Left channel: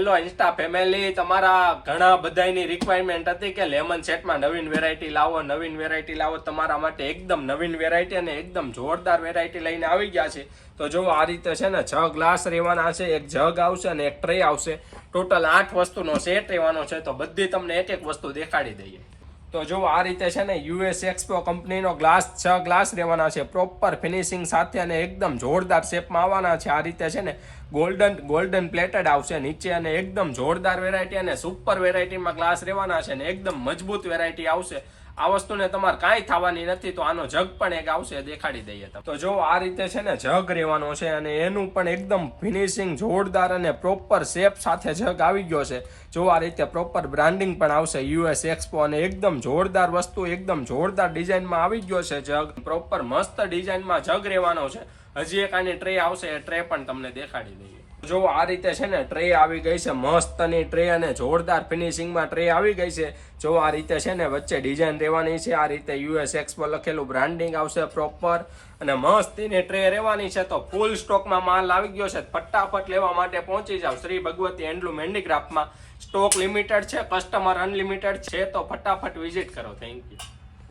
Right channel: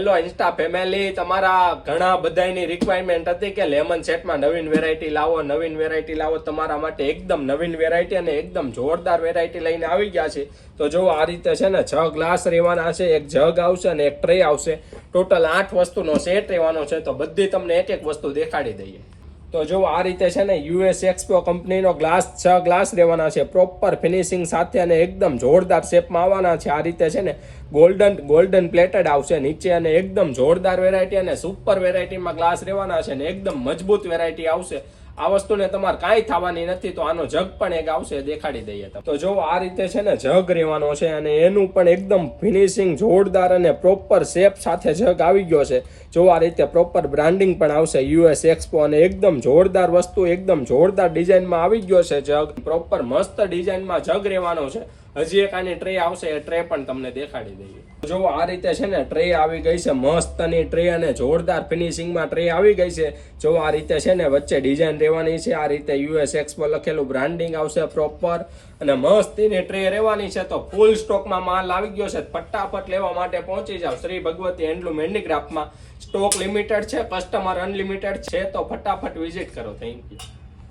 Hello Insta family, તમારા ઘણા બધાની રિક્વાયરમેન્ટ હતી કે લેમન સેટમાં નવીન વેરાયટી લાવો, તમારા માટે એકદમ નવીન વેરાયટી અને એકદમ જોરદાર વેરાયટી લઈને આવી ગયા છે। તો જો આ રીતે છે ને 6 ગ્લાસ રહેવાના છે, એક જગ આવશે અને એક ટ્રે આવશે, ટોટલ 8 વસ્તુનો સેટ રહેવાનો છે। તો બધી તમને એક એક વસ્તુ દેખાડી દઈએ। તો જો આ રીતે છે ને US એક્સપો કંપનીનો ગ્લાસ 6 ગ્લાસ રહેવાના છે, પ્રોપર ફિનિશિંગ સાથે અને એકદમ જોરદાર શેપમાં આવવાના છે। આ રીતે છે ને ગોલ્ડન પ્લેટેડ આવશે નીચે અને એકદમ જોરદાર વેરાયટી અને સુપર વેરાયટીમાં ગ્લાસ રહેવાના છે ને એકદમ મજબૂત વેરાયટી આવશે। આ વસ્તુને તમારે કાંઈ થવાની નથી। તો આનો જગ પણ એક આવશે, દેખાડી દઈએ તમને। તો જો આ રીતે છે ને જગ રહેવાનો છે અને એનું પણ એકદમ ફિનિશિંગ જોરદાર અને પ્રોપર શેપ સાથે જગ આવી ગયો છે। જો આ રીતે પ્રોપર બ્રાન્ડિંગ પણ આવશે US એક્સપો અને એકદમ જોરદાર વસ્તુ, એકદમ જોરદાર ડિઝાઇનમાં આવી ગયો છે જગ, પ્રોપર મસ્ત ડિઝાઇનમાં જગ રહેવાનો છે। હજી એક આની ટ્રે આવશે, એ ટ્રે પણ તમને દેખાડી દઈએ। જો આ રીતે છે ને ટ્રે આવી ગઈ છે, મસ્તની ટ્રે અને જોરદાર ફિનિશિંગમાં ટ્રે આવી ગઈ છે। જો આ રીતે છે ને વચ્ચે ડિઝાઇન રહેવાની છે, આ રીતે US એક્સપો લખેલું બ્રાન્ડિંગ આવશે પ્રોપર અને મસ્તીની ટ્રે રહેવાની છે। તો ફૂલ સ્ટોકમાં માલ આવી ગયો છે, ફટાફટ લેવા માટે પહોંચી જાવ શ્રી ભગવતી હેન્ડલૂમ હેન્ડીક્રાફ્ટમાં। સ્ટોક લિમિટેડ છે, કસ્ટમર અનલિમિટેડ છે, તો ફટાફટ વિઝિટ કરો। Thank you.